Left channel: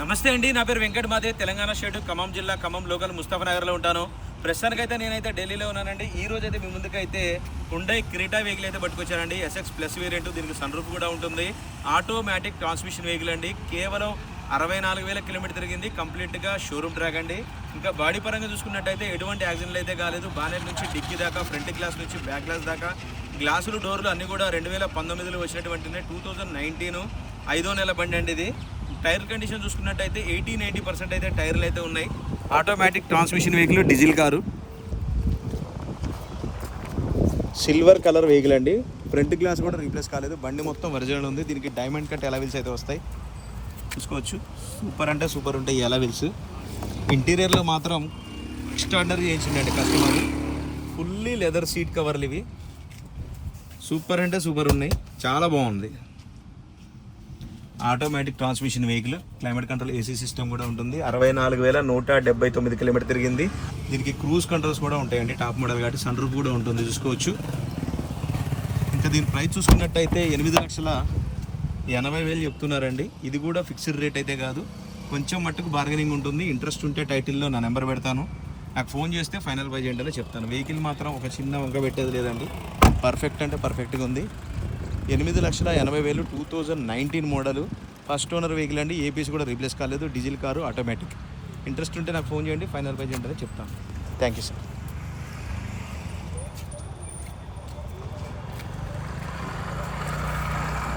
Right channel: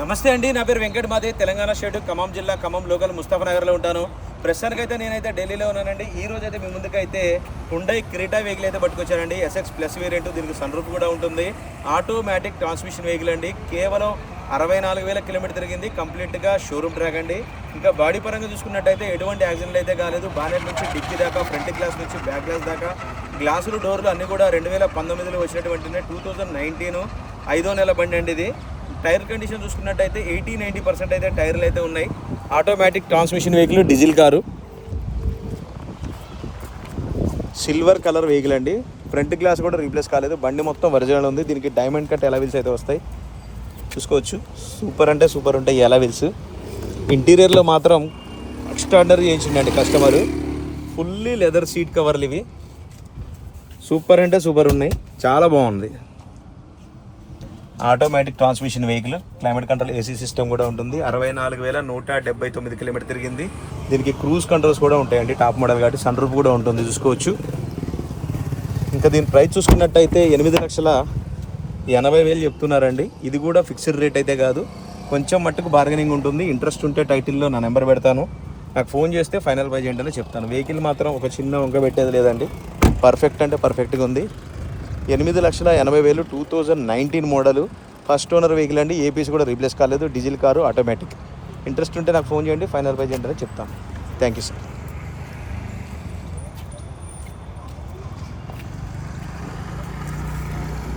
నమస్తే అండి, నా పేరు వెంకట్ మాదే. తెలంగాణ స్టేట్ ఖమ్మం జిల్లా ఖమ్మం లోకల్ ముస్తాఫానగర్లో ఉంటాను. ప్రస్తుతానికైతే నేనైతే ఢిల్లీలో ఉన్నానండి. ఈ రోజు అయితే మీ ముందుకైతే హుండై క్రెటా వెహికల్ అయితే పట్టుకొచ్చానండి. ఎస్ఎక్స్ ప్లస్ వేరియంట్, దీనికి సన్ రూఫ్ కూడా ఉంటుంది. ఆటోమేటిక్ ట్రాన్స్మిషన్ వెహికల్ అండి. కేవలం 64,000 కిలోమీటర్ తిరిగింది. కంప్లీట్గా షోరూమ్ ట్రాక్ అండి. ఇంకా బాడీ పరంగా చూసుకున్నట్టయితే ఎటువంటి యాక్సిడెంట్లు అయితే కాలేదు. బానెట్ నుంచి డిక్కీ దాకా, ఫ్రంట్ గ్లాస్ నుంచి బ్యాక్ గ్లాస్ దాకా, గ్లాసులు డోర్లు అన్నీ కూడా 2019లో వచ్చినటువంటి 2019 5వ నెల బండి అండి ఇది. టైర్ కండిషన్ చూసుకున్నట్టయితే 80-90% అయితే టైర్లు అయితే ఉన్నాయి. Automatic transmission vehicle, diesel car, silver colour vehicle అండి. ఫ్రంట్ గ్లాస్ కూడా రీప్లేస్ కాలేదు. బండి మొత్తం ఒరిజినల్ ఉంది. దీనికి డైమండ్ కట్ ఎలావిల్స్ అయితే వస్తాయి, చూసుకోవచ్చు. సూపర్ అంటే సూపర్ ఉంటాయి ఎలావిల్స్. ఇంటీరియర్లో మాత్రం ఎక్స్ట్రాడనరీ చేయించిందండి కస్టమర్. ఫుల్లీ లెదర్ సీట్ కవర్లు ఇవి. సూపర్ అంటే సూపర్ ఉన్నాయి, చాలా బాగుంది. Automatic transmission vehicle, climate control, AC system కూడా ఉంటుంది. 64,179 కిలోమీటర్ తిరిగింది. దీనికి క్రూజ్ కంట్రోల్స్ కూడా ఉంటాయండి. టాప్ మోడల్ కాబట్టి సన్ రూఫ్ కూడా ఉంటుంది, చూసుకోవచ్చు. ఇంకా దీని ప్రైస్ చూసుకున్నట్టయితే 8,80,000 చెప్తున్నారండి. ఇది కూడా ఫిక్స్డ్ రేట్ అయితే కాదు, కొంచెం మట్టుకు బార్గెనింగ్ ఉంటుంది. ఇంట్రెస్ట్ ఉంటే టైటిల్లో నా నెంబర్ పెడతాను, నాకు ఫోన్ చేస్తే ఫైనల్ ప్రైస్ ఏంటో చెప్తాను. వెహికల్ మాత్రం ఒక చిన్న వంక పెట్టేది లేదండి. పర్ఫెక్ట్ అంటే పర్ఫెక్ట్గా ఉంది. 8,80,000 2019 మోడలు, ఫస్ట్ ఓనర్ వెహికల్ అండి. ఏపీసీ కూడా రీప్లేస్ కాలేదు. Diesel car, automatic. ఇంట్రెస్ట్ ఉంటే నాకు ఫోన్ చేయండి, ఫైనల్ ప్రైస్ ఏంటో చెప్తాను. Thank you sir.